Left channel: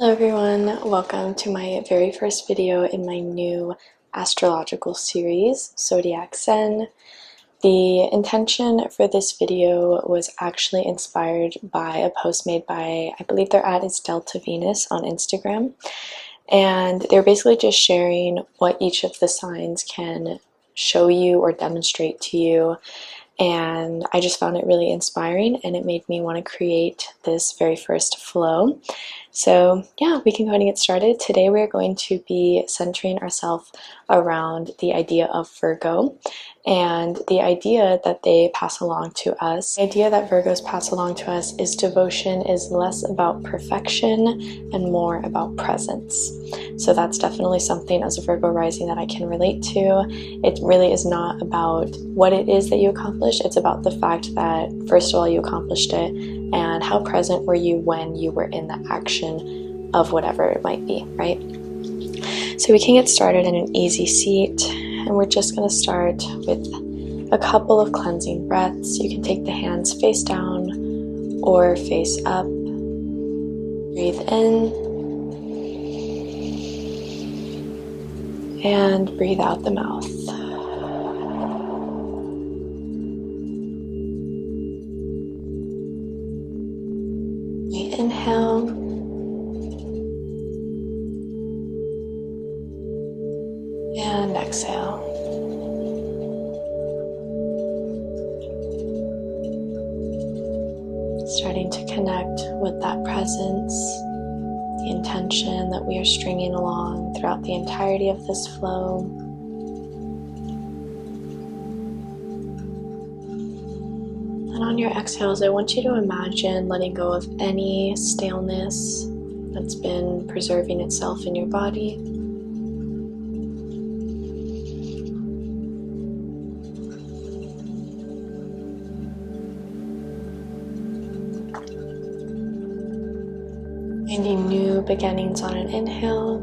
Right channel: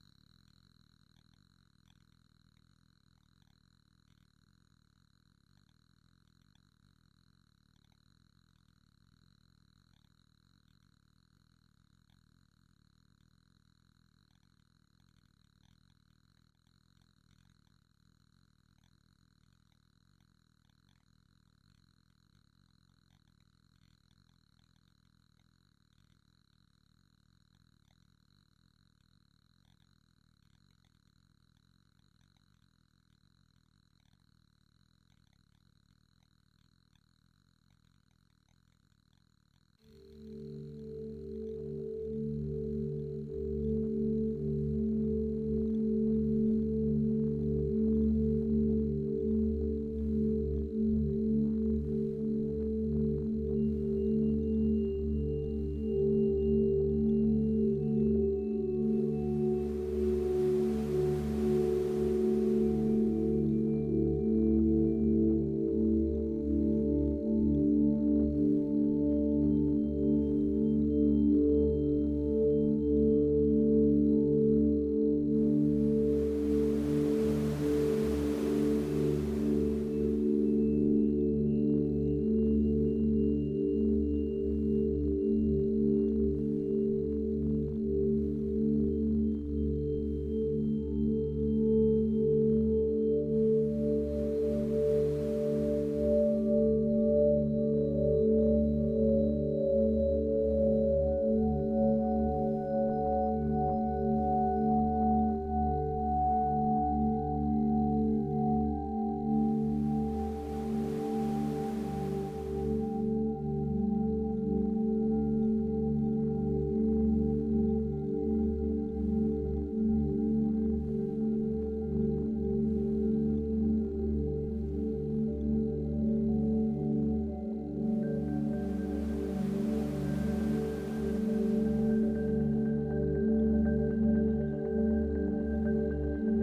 Hello everyone, welcome to my very first video in my new astrological series, Zodiac Zen. The intention for this video was actually inspired by a post made by, I believe their ad is Delta Venus on Instagram, and they're basically just sharing what each of the signs can show you or demonstrate to you. And I just found it really inspiring, and it made me want to create this very first flow. So yeah, we can go ahead and get started. Today we're going to be centering ourselves around the idea of Virgo and the idea that they pass along to us. The idea that Virgos pass along to us is devotion is less about perfection and more about presence. So that's definitely something as a Virgo rising that I can relate to. It really is not about what it is that you accomplished. It's about the fact that first of all you accomplished it, and how present were you when you were in the action of whatever it might be, right? So we can get started in an easy seat, and we're just going to start with a couple of cleansing breaths. You can take the hands face down or face up. Breathe in and breathe out the mouth. Inhale and exhale. Starting to connect with that presence, the intention that we are stringing along throughout the entirety of this flow. And on your exhales, I want you to imagine letting go of any staleness that's been preserving itself in your body. Finding new beginnings on an inhale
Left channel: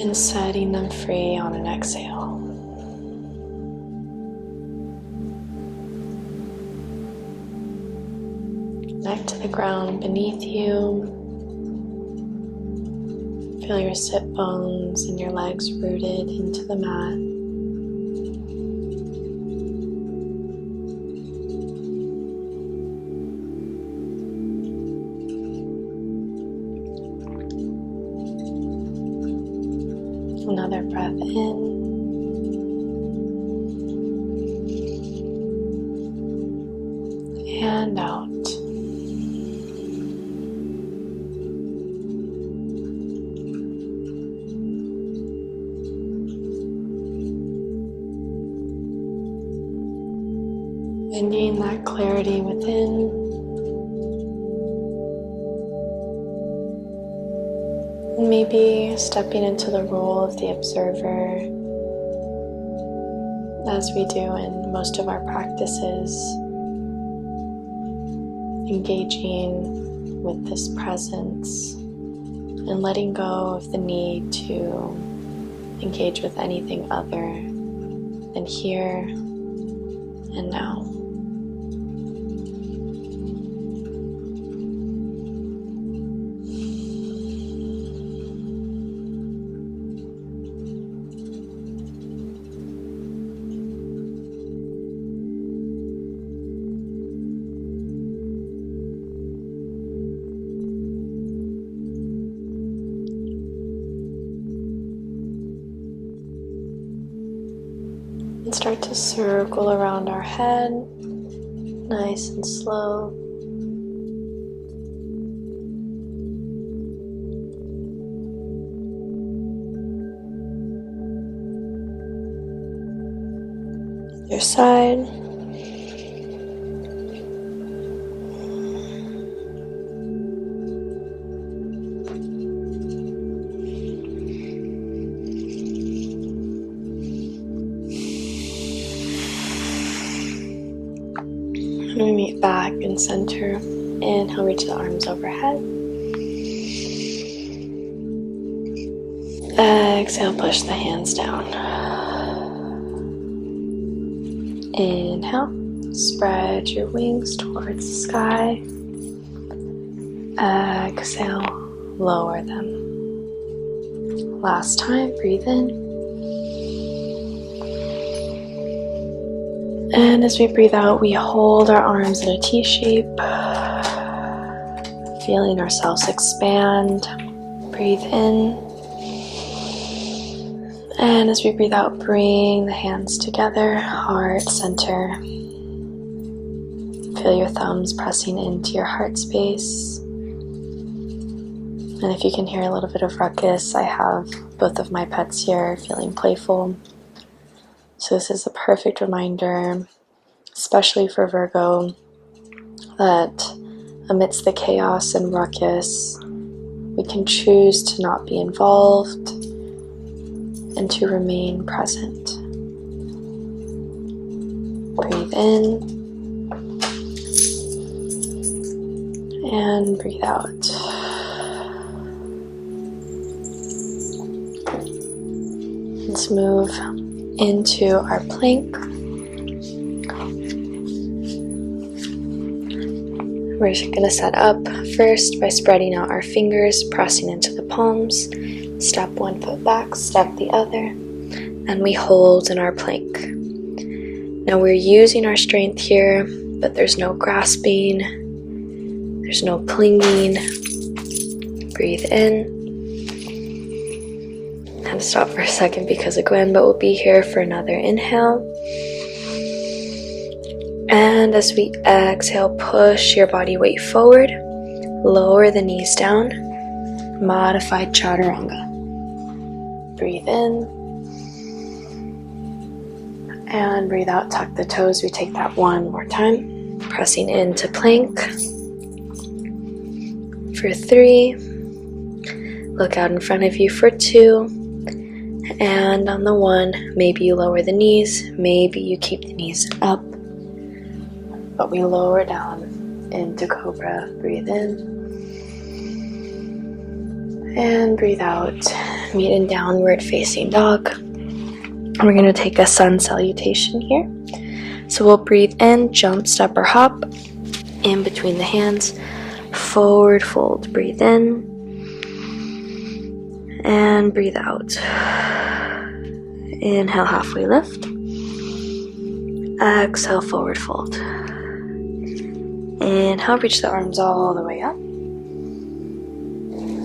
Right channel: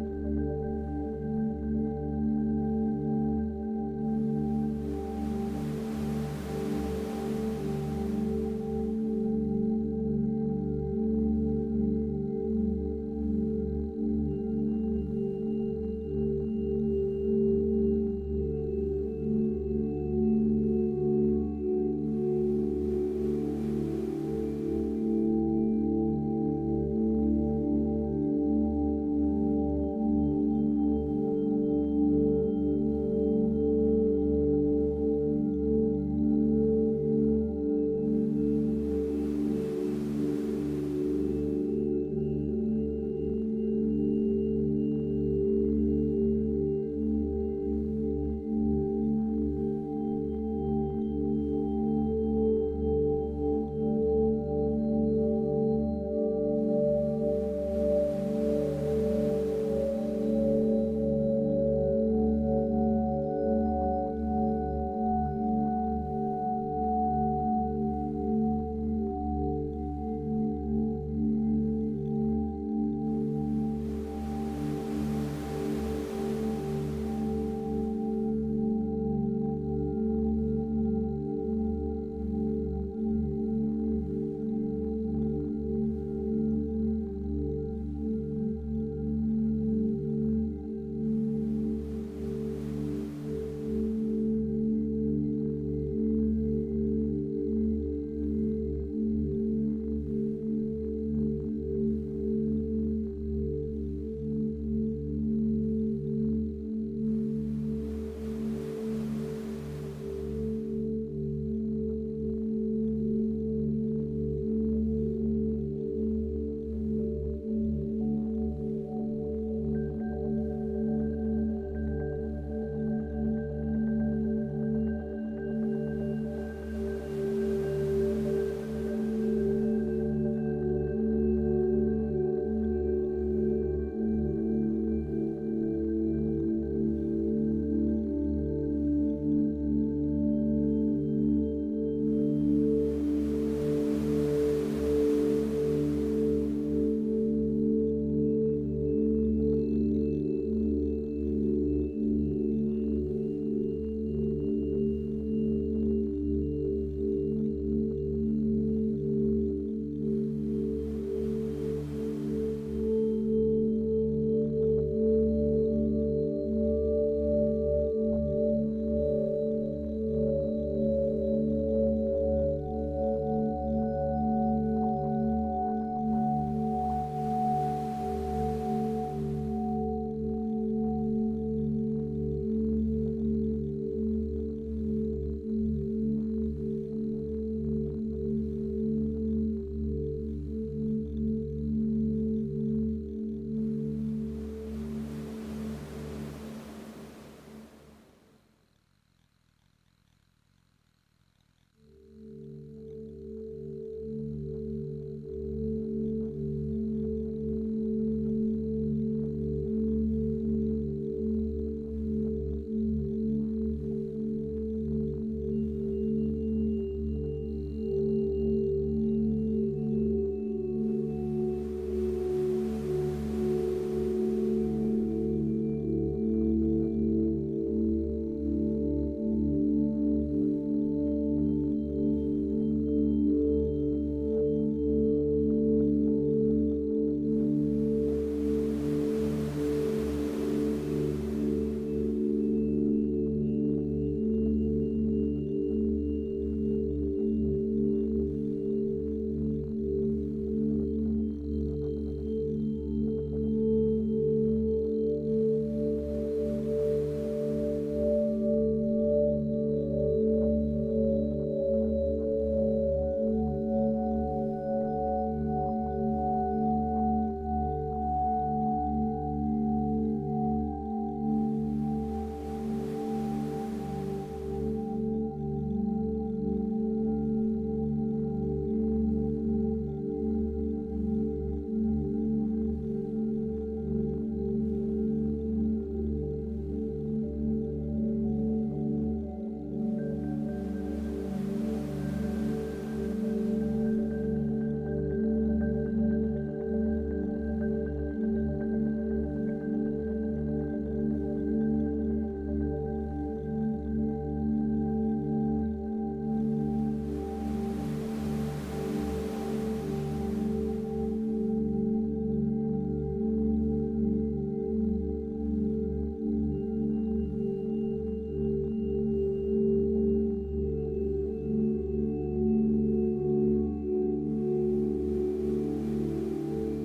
and setting them free on an exhale. Connect to the ground beneath you. Feel your sit bones and your legs rooted into the mat. Another breath in. And out. Finding that clarity within. And maybe stepping into the role of the observer, as we do in most of our practices, engaging with this presence and letting go of the need to engage with anything other than here and now. Start to circle around our head, nice and slow. Other side. We meet back in center. Inhale, reach the arms overhead. Exhale, push the hands down. Inhale, spread your wings towards the sky. Exhale, lower them. Last time, breathe in. And as we breathe out, we hold our arms in a T shape, feeling ourselves expand. Breathe in. And as we breathe out, bring the hands together, heart center. Feel your thumbs pressing into your heart space. And if you can hear a little bit of ruckus, I have both of my pets here feeling playful. So this is a perfect reminder, especially for Virgo, that amidst the chaos and ruckus, we can choose to not be involved and to remain present. Breathe in and breathe out. Let's move into our plank. We're going to set up first by spreading out our fingers, pressing into the palms. Step one foot back, step the other, and we hold in our plank. Now we're using our strength here, but there's no grasping, there's no clinging. Breathe in. Had to stop for a second because of Gwen, but we'll be here for another inhale. And as we exhale, push your body weight forward, lower the knees down, modified chaturanga. Breathe in, and breathe out, tuck the toes. We take that one more time, pressing into plank. For 3, look out in front of you for 2, and on the 1, maybe you lower the knees, maybe you keep the knees up, but we lower down into cobra. Breathe in and breathe out. Meet in downward facing dog. We're going to take a sun salutation here. So we'll breathe in, jump, step, or hop in between the hands, forward fold. Breathe in and breathe out. Inhale, halfway lift. Exhale, forward fold. Inhale, reach the arms all the way up.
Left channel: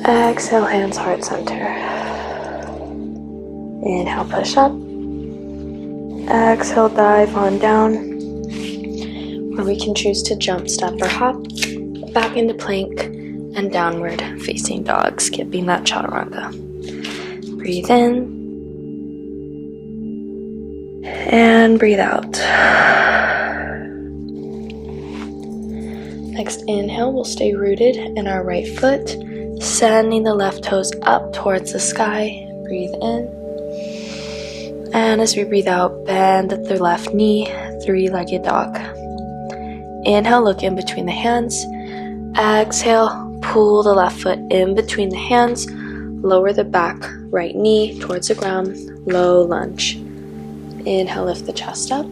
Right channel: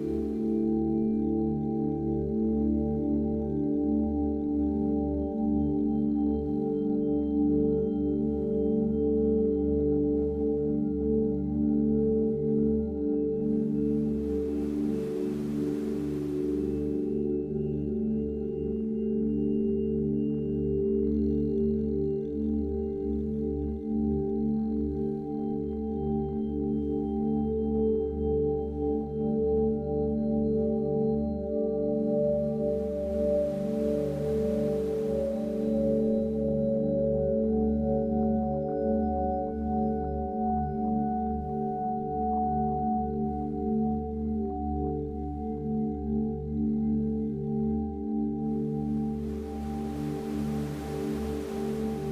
Exhale, hands heart center. Inhale, push up. Exhale, dive on down. Or we can choose to jump, step, or hop back into plank and downward facing dog, skipping that chaturanga. Breathe in and breathe out. Next inhale, we'll stay rooted in our right foot, sending the left toes up towards the sky. Breathe in. And as we breathe out, bend at the left knee, 3-legged dog. Inhale, look in between the hands. Exhale, pull the left foot in between the hands. Lower the back right knee towards the ground. Low lunge. Inhale, lift the chest up.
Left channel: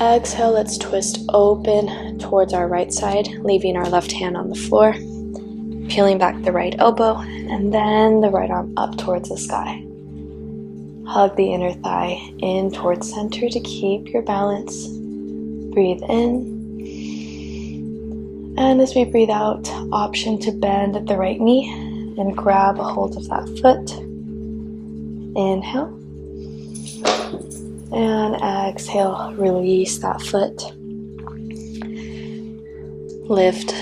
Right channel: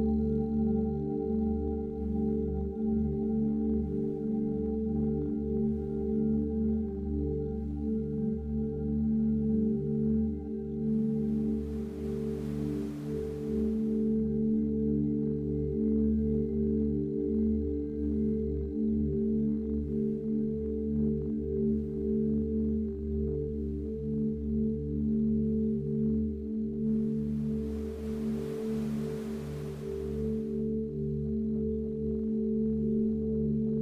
Exhale, let's twist open towards our right side, leaving our left hand on the floor. Peeling back the right elbow, and then the right arm up towards the sky. Hug the inner thigh in towards center to keep your balance. Breathe in. And as we breathe out, option to bend at the right knee and grab a hold of that foot. Inhale. And exhale, release that foot. Lift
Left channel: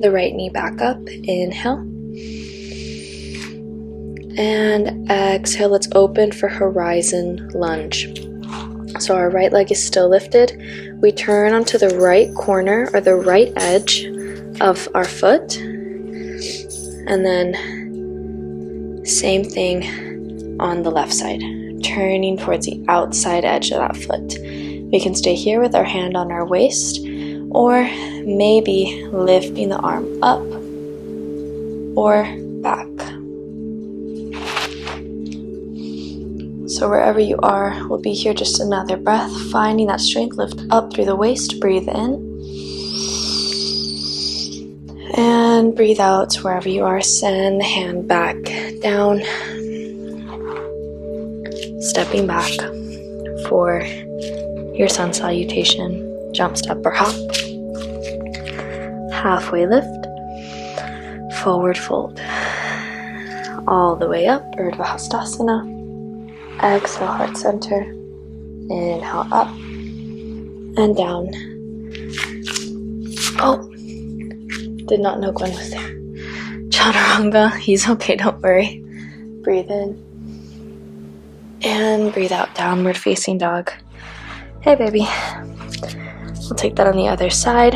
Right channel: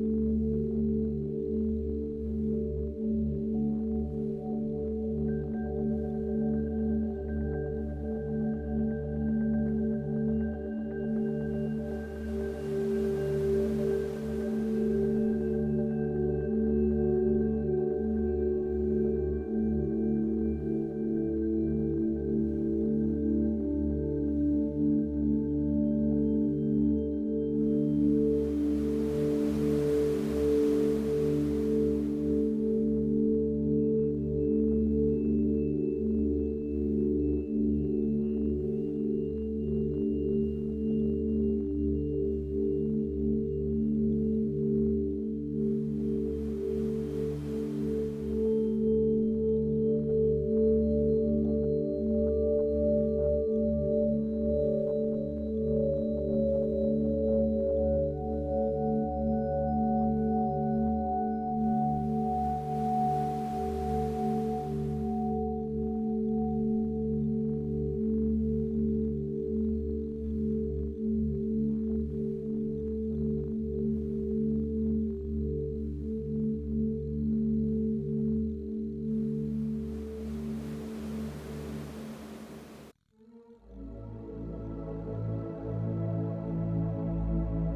the right knee back up. Inhale. And exhale, let's open for horizon lunge. So our right leg is still lifted. We turn onto the right corner or the right edge of our foot. And then same thing on the left side, turning towards the outside edge of that foot. We can stay here with our hand on our waist, or maybe lifting the arm up or back. So wherever you are, we'll be here just another breath, finding that strength. Lift up through the waist, breathe in. And breathe out wherever you are. Send the hand back down. Stepping back for your sun salutation. Jump, step, or hop. Halfway lift. Forward fold. All the way up. Urdhva Hastasana. Exhale, heart center. Inhale, up and down. Oh, did not know Gwen was there. Chaturanga, he's okay, don't worry. Breathe in. And breathe out, downward facing dog. Hey, baby. We'll take that on the other side.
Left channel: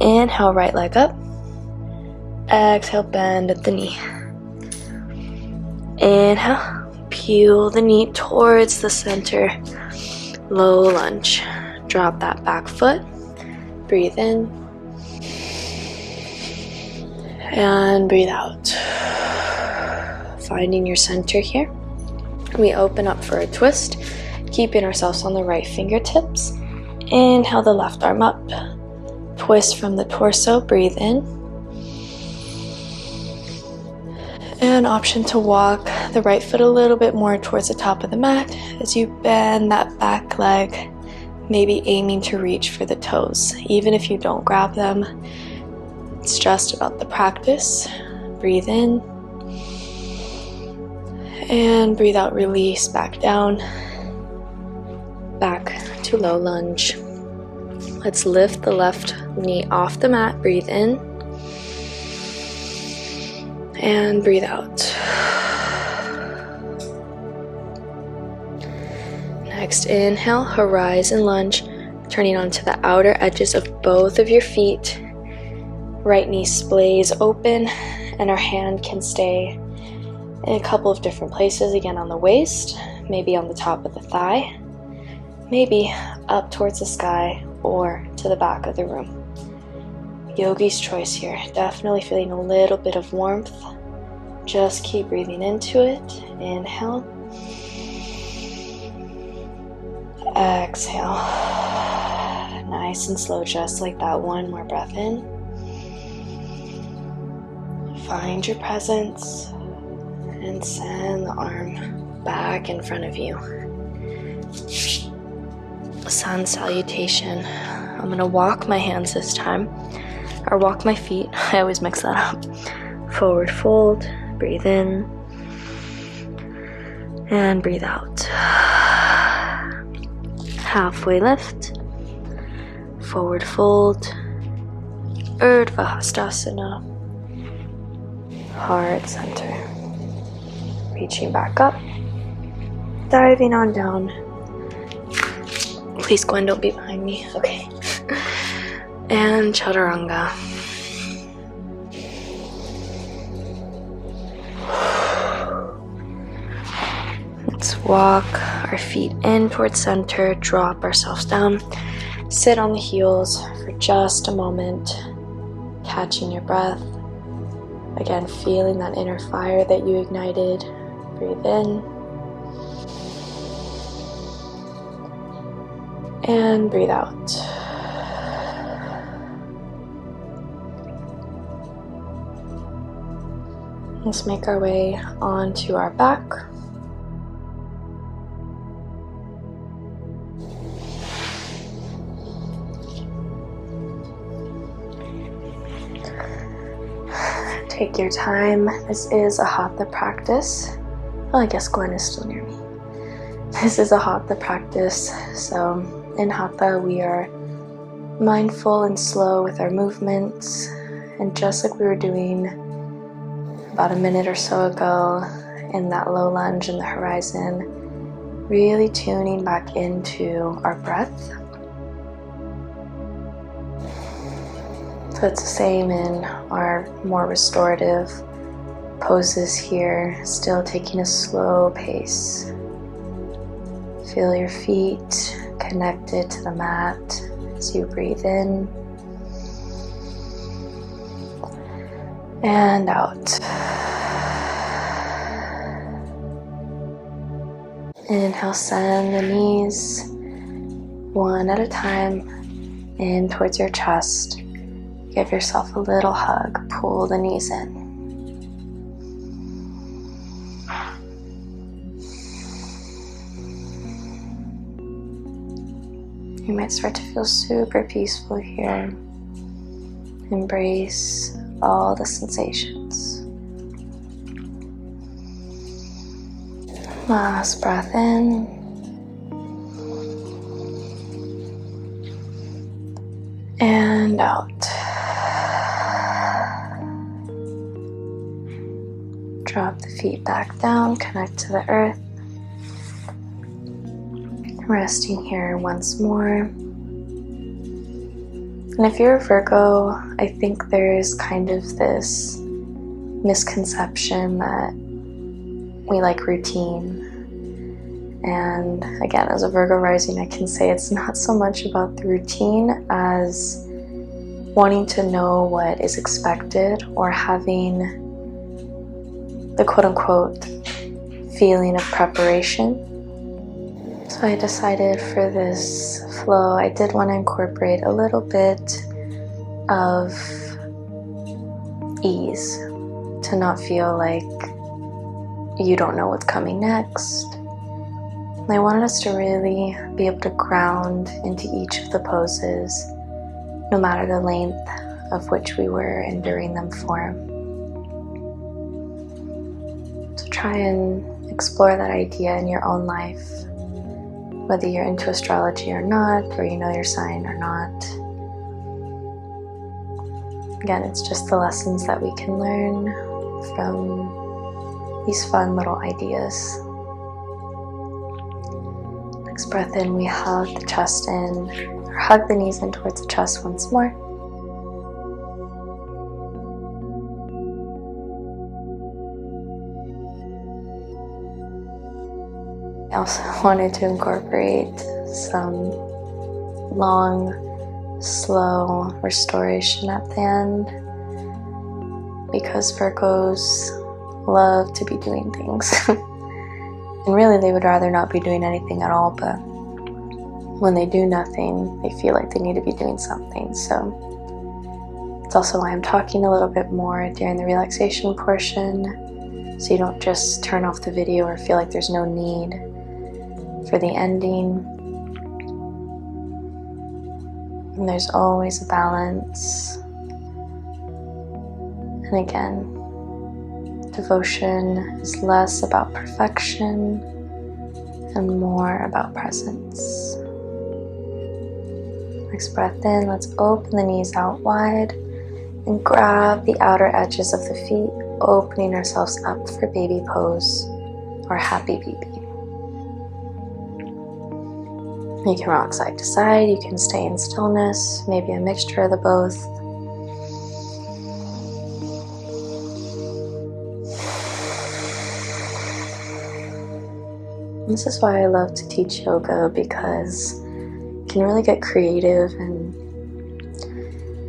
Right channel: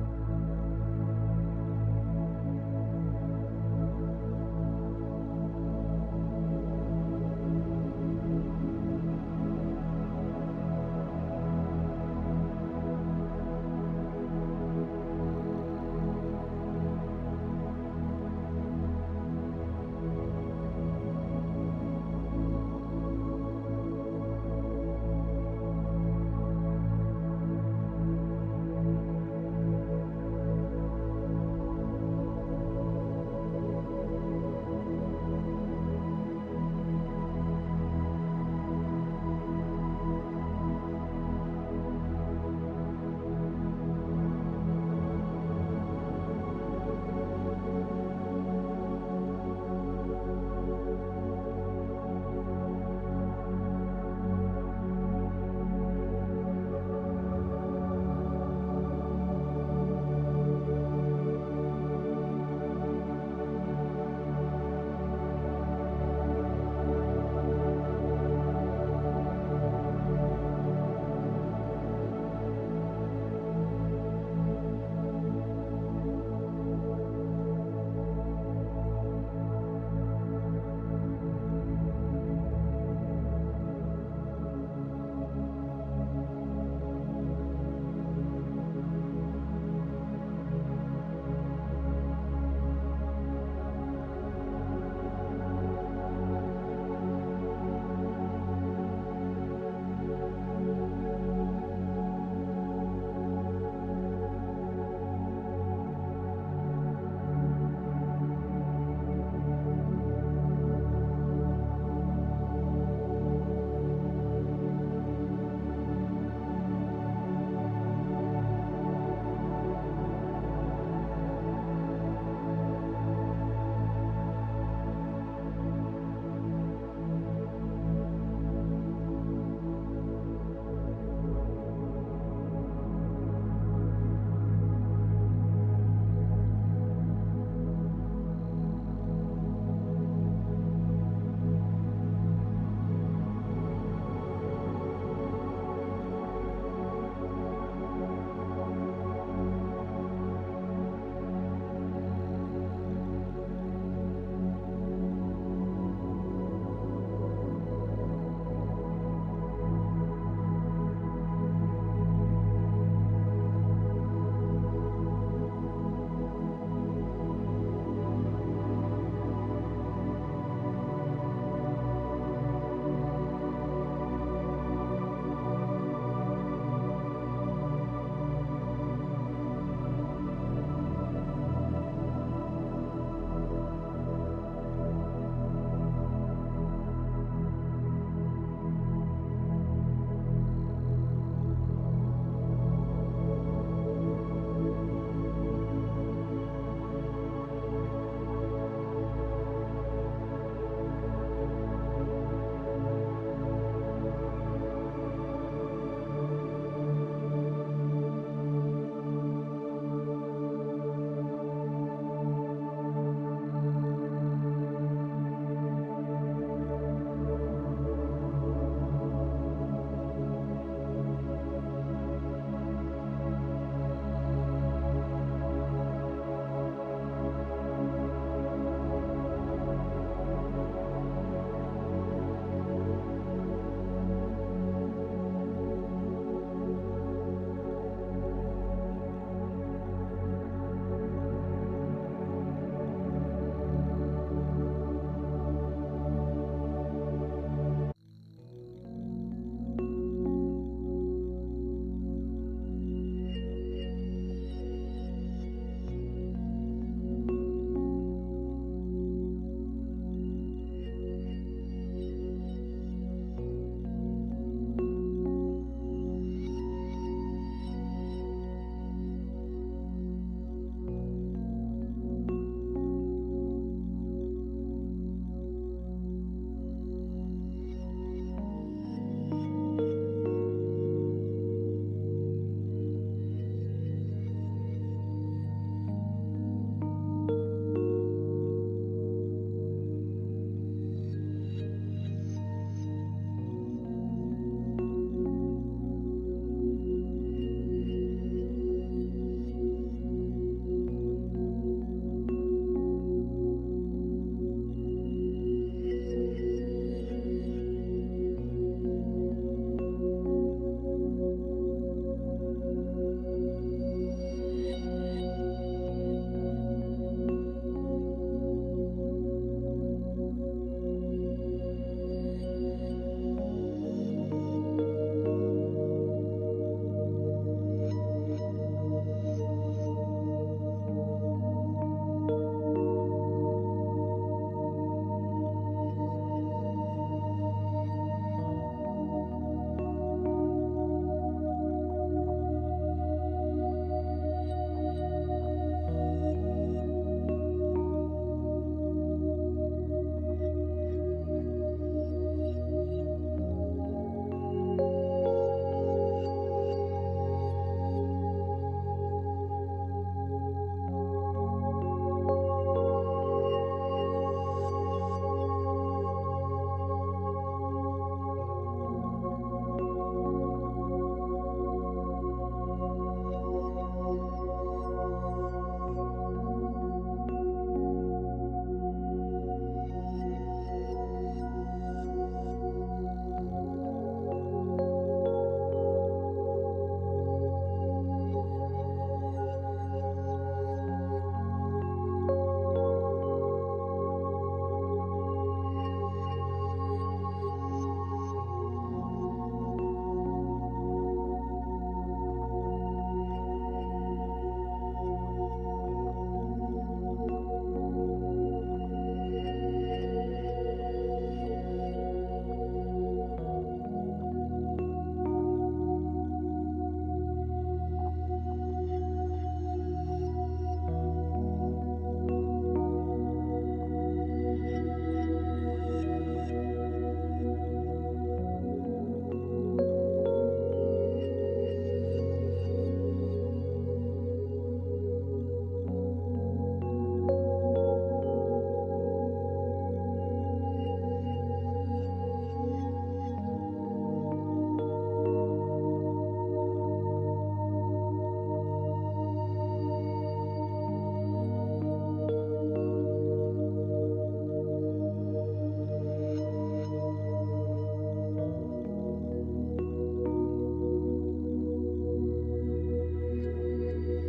Inhale, right leg up. Exhale, bend at the knee. Inhale, peel the knee towards the center. Low lunge. Drop that back foot. Breathe in. And breathe out. Finding your center here. We open up for a twist, keeping ourselves on the right fingertips. Inhale the left arm up. Twist from the torso, breathe in. And option to walk the right foot a little bit more towards the top of the mat as you bend that back leg, maybe aiming to reach for the toes. Even if you don't grab them, it's just about the practice. Breathe in. And breathe out, release back down. Back to low lunge. Let's lift the left knee off the mat. Breathe in. And breathe out. Next, inhale, horizon lunge, turning onto the outer edges of both of your feet. Right knee splays open, and our hand can stay in a couple of different places, again on the waist, maybe on the top of the thigh, maybe up towards the sky or to the back of the room. Yogi's choice here. Definitely feeling a little bit of warmth. Just keep breathing into it. Inhale. Exhale. Nice and slow, just like that. One more breath in. Find your presence. And send the arm back in front of you. Sun salutation. I'm gonna walk my hands this time, or walk my feet. I always mix that up. Forward fold, breathe in, and breathe out. Halfway lift, forward fold, Urdhva Hastasana, heart center. Reaching back up, diving on down. Please, Gwen, don't be behind me. Okay. And Chaturanga. Let's walk our feet in towards center, drop ourselves down, sit on the heels for just a moment, catching your breath. Again, feeling that inner fire that you ignited. Breathe in. And breathe out. Let's make our way onto our back. Take your time. This is a Hatha practice. Well, I guess Gwen is still near me. This is a Hatha practice. So in Hatha, we are mindful and slow with our movements. And just like we were doing about a minute or so ago in that low lunge in the horizon, really tuning back into our breath. So it's the same in our more restorative poses here, still taking a slow pace. Feel your feet connected to the mat as you breathe in and out. Inhale, send the knees one at a time in towards your chest. Give yourself a little hug. Pull the knees in. You might start to feel super peaceful here. Embrace all the sensations. Last breath in. And out. Drop the feet back down, connect to the earth. Resting here once more. And if you're a Virgo, I think there's kind of this misconception that we like routine. And again, as a Virgo rising, I can say it's not so much about the routine as wanting to know what is expected or having the quote-unquote feeling of preparation. So I decided for this flow, I did want to incorporate a little bit of ease, to not feel like you don't know what's coming next. And I wanted us to really be able to ground into each of the poses, no matter the length of which we were enduring them for. So try and explore that idea in your own life, whether you're into astrology or not, or you know your sign or not. Again, it's just the lessons that we can learn from these fun little ideas. Next breath in, we hug the chest in, or hug the knees in towards the chest once more. I also wanted to incorporate some long, slow restoration at the end, because Virgos love to be doing things. And really they would rather not be doing anything at all, but when they do nothing, they feel like they need to be doing something. So it's also why I'm talking a little bit more during the relaxation portion, so you don't just turn off the video or feel like there's no need for the ending. And there's always a balance. And again, devotion is less about perfection and more about presence. Next breath in, let's open the knees out wide and grab the outer edges of the feet, opening ourselves up for baby pose or happy baby. You can rock side to side, you can stay in stillness, maybe a mixture of the both. This is why I love to teach yoga, because you can really get creative and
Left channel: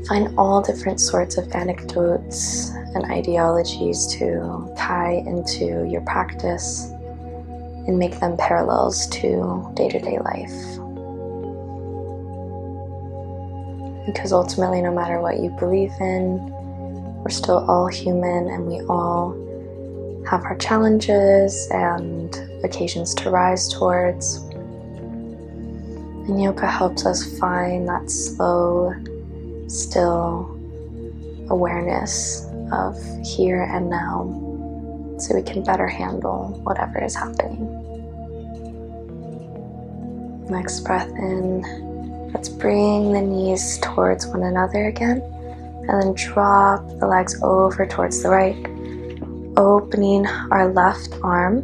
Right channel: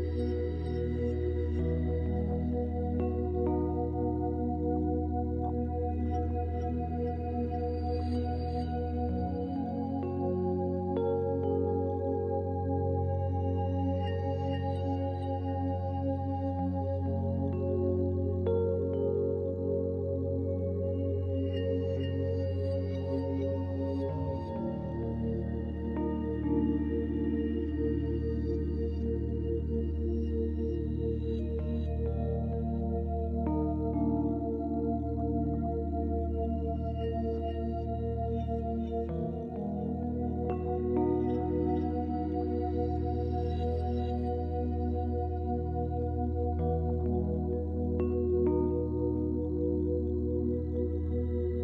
find all different sorts of anecdotes and ideologies to tie into your practice and make them parallels to day-to-day life. Because ultimately, no matter what you believe in, we're still all human and we all have our challenges and occasions to rise towards. And yoga helps us find that slow, still awareness of here and now, so we can better handle whatever is happening. Next breath in. Let's bring the knees towards one another again, and then drop the legs over towards the right, opening our left arm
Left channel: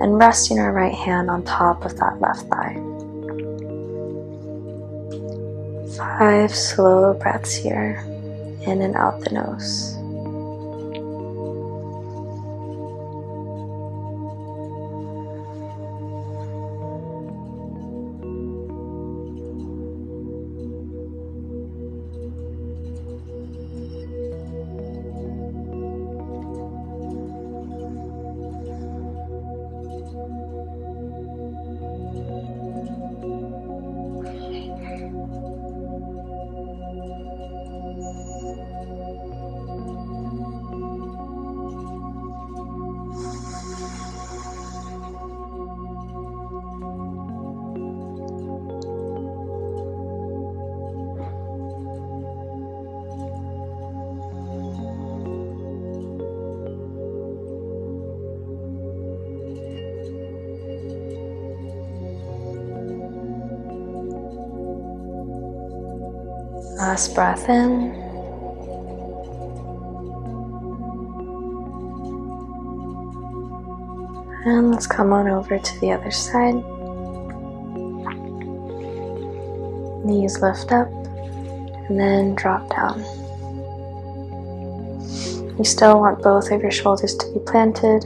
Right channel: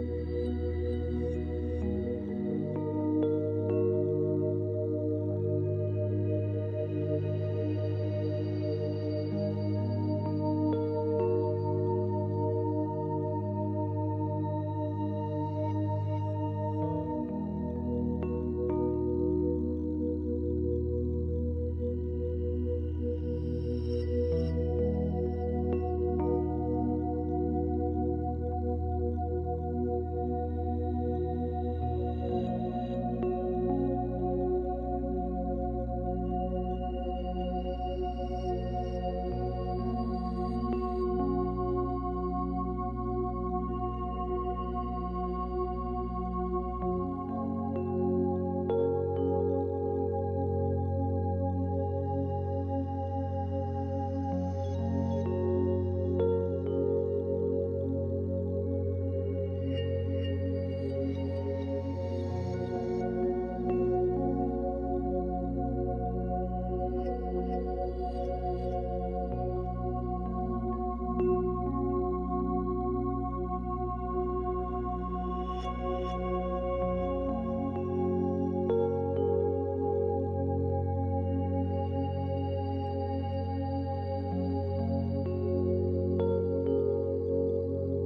and resting our right hand on top of that left thigh. 5 slow breaths here, in and out the nose. Last breath in. And let's come on over to the other side. Knees lift up and then drop down. You still want both of your shoulders to be planted,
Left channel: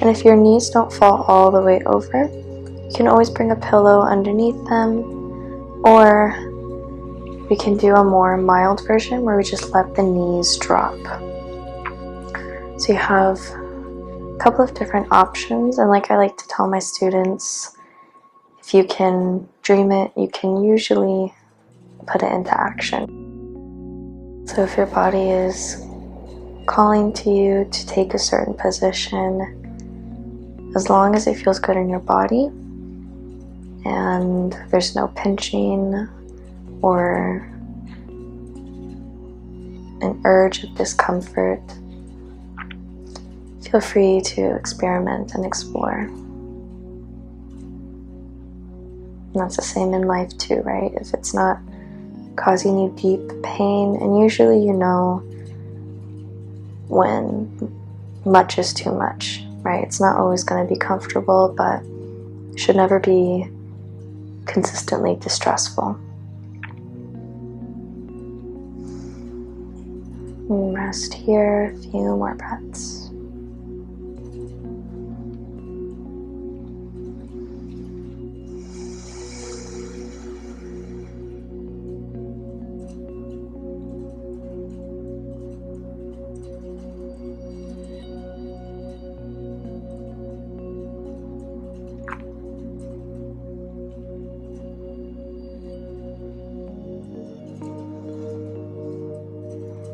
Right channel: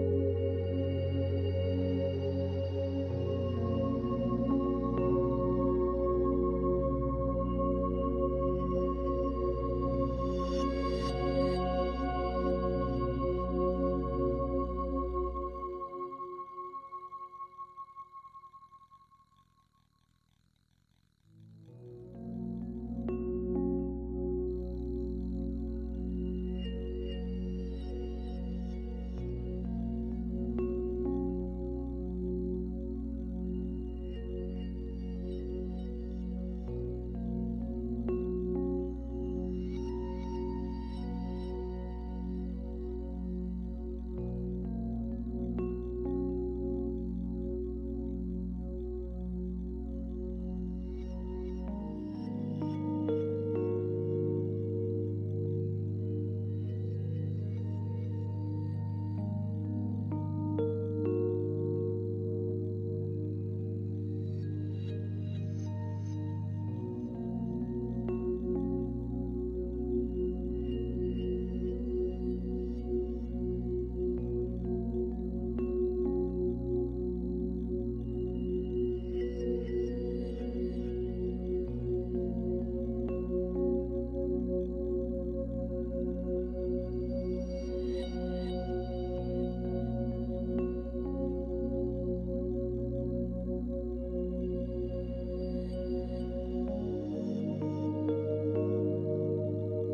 and if your knees don't fall all the way over, you can always bring a pillow underneath them, or we can do a more mild version where we just let the knees drop. So you have a couple of different options, and like I like to tell my students, if you can dream it, you can usually put it into action. So if your body is calling to you to take a certain position, as long as it feels good in your body and there's no pinching or an urge of discomfort, feel free to experiment and explore. And that's the same in life too, right? If it's not causing you deep pain, and usually you know when much is too much, right? It's not always going to be comfortable, but it should never be consistently distressful. And rest here, a few more breaths.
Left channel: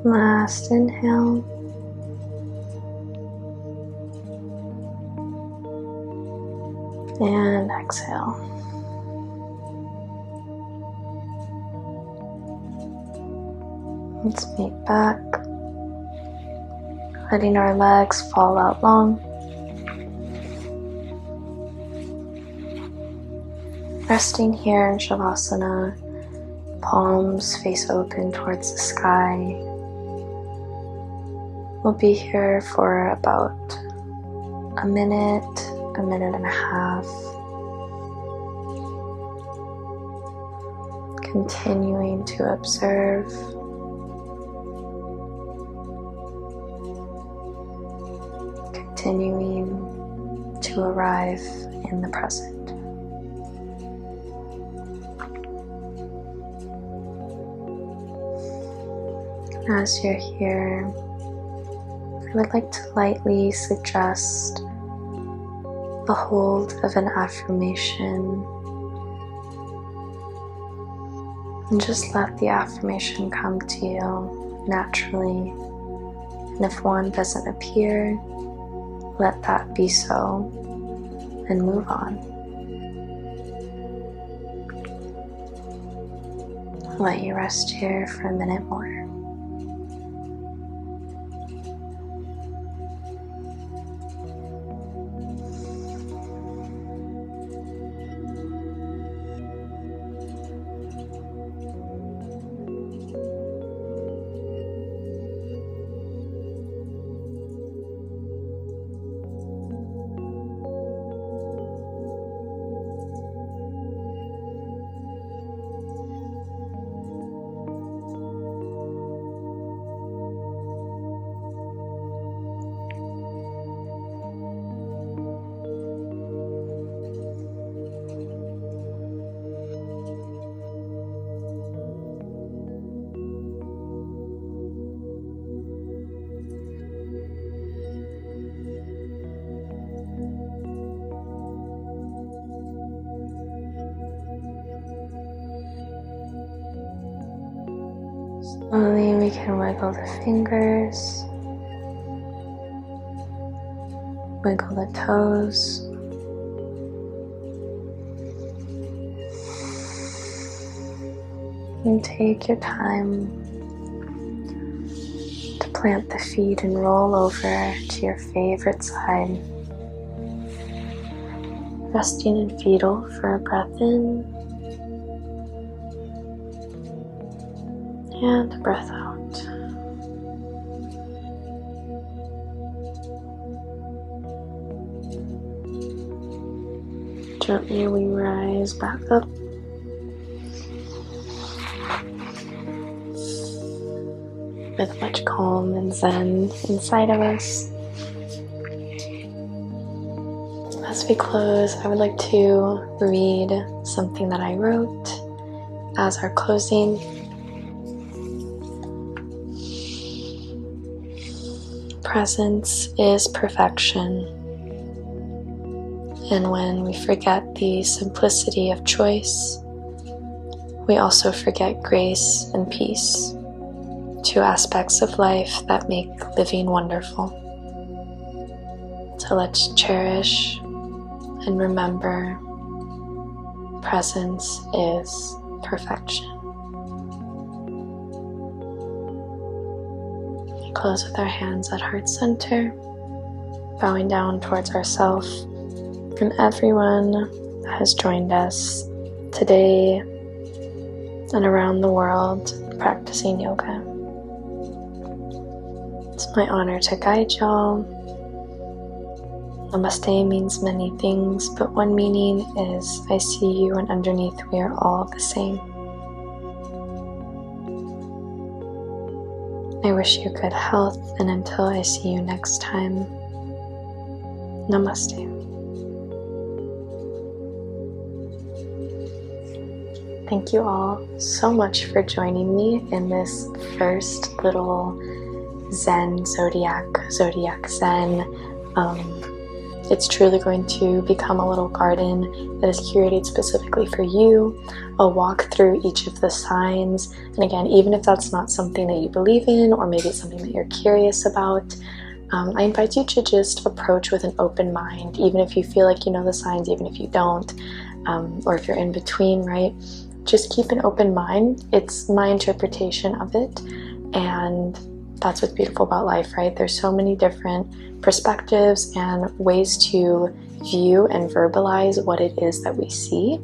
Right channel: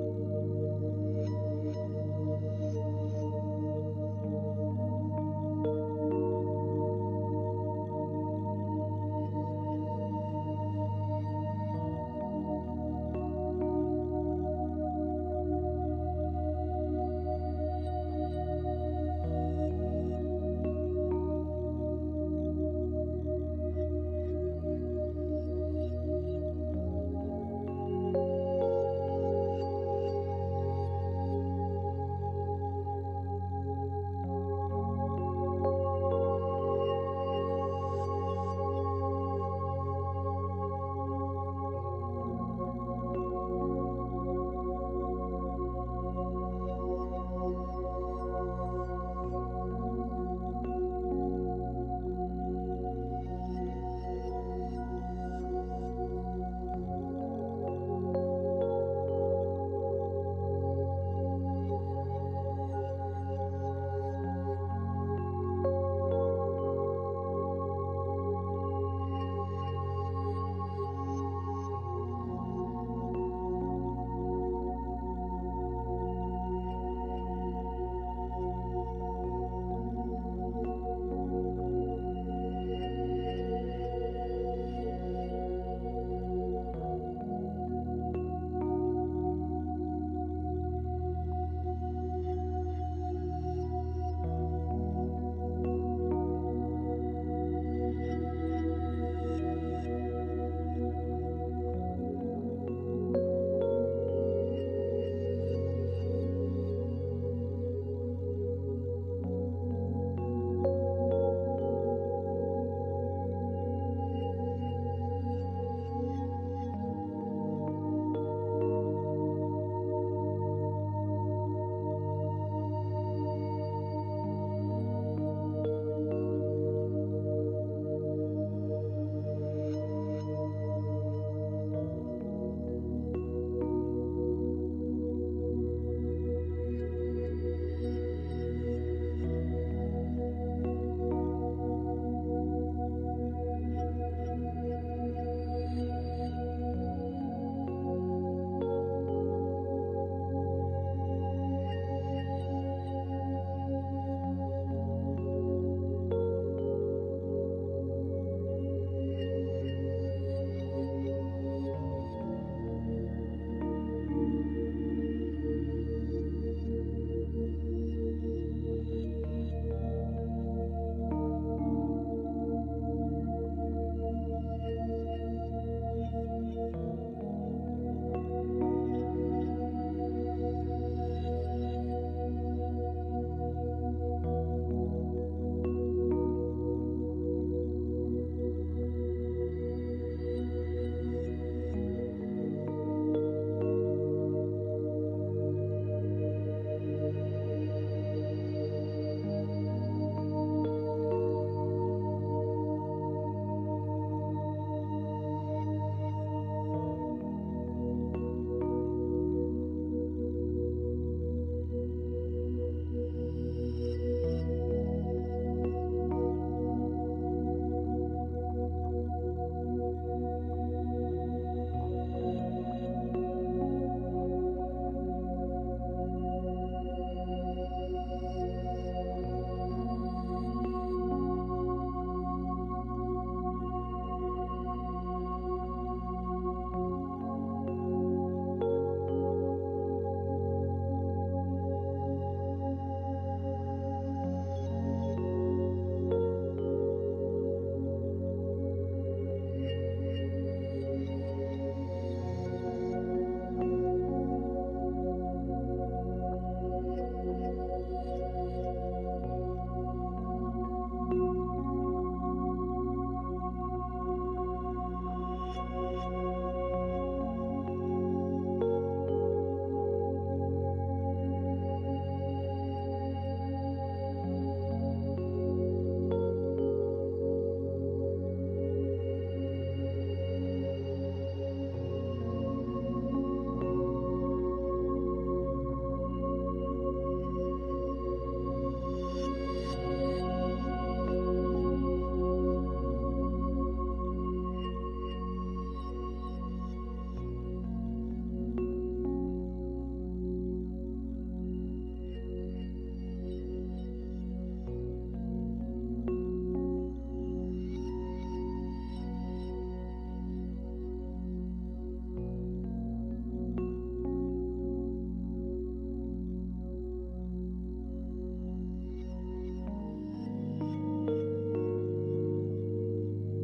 Last inhale. And exhale. Let's meet back. Letting our legs fall out long. Resting here in shavasana, palms face open towards the sky. We'll be here for about a minute and a half. Continuing to observe. Continuing to arrive in the present. As you're here, I would like to lightly suggest the hold of an affirmation, and just let the affirmation come to you naturally. And if one doesn't appear, let that be so and move on. I'll let you rest here for a minute more. Slowly we can wiggle the fingers, wiggle the toes, and take your time to plant the feet and roll over to your favorite side. Resting in fetal for a breath in And breath out. Gently we rise back up. With much calm and zen inside of us. As we close, I would like to read something that I wrote as our closing. Presence is perfection. And when we forget the simplicity of choice, we also forget grace and peace, two aspects of life that make living wonderful. So let's cherish and remember, presence is perfection. We close with our hands at heart center, bowing down towards ourselves and everyone that has joined us today and around the world practicing yoga. It's my honor to guide y'all. Namaste means many things, but one meaning is I see you, and underneath we are all the same. I wish you good health, and until I see you next time, namaste. Thank you all so much for joining me in this first little Zen Zodiac Zen. It's truly going to become a little garden that is curated specifically for you. I'll walk through each of the signs, and again, even if that's not something that you believe in, or maybe it's something that you're curious about, I invite you to just approach with an open mind, even if you feel like you know the signs, even if you don't, or if you're in between, right? Just keep an open mind. It's my interpretation of it, and that's what's beautiful about life, right? There's so many different perspectives and ways to view and verbalize what it is that we see.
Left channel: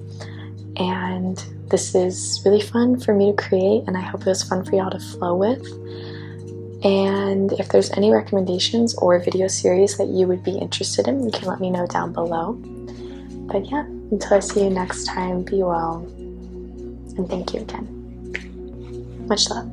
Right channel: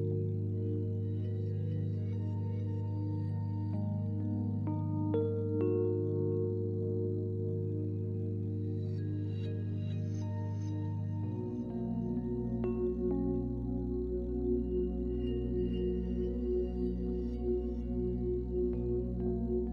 And this is really fun for me to create, and I hope it was fun for y'all to flow with. And if there's any recommendations or video series that you would be interested in, you can let me know down below. But yeah, until I see you next time, be well. And thank you again. Much love.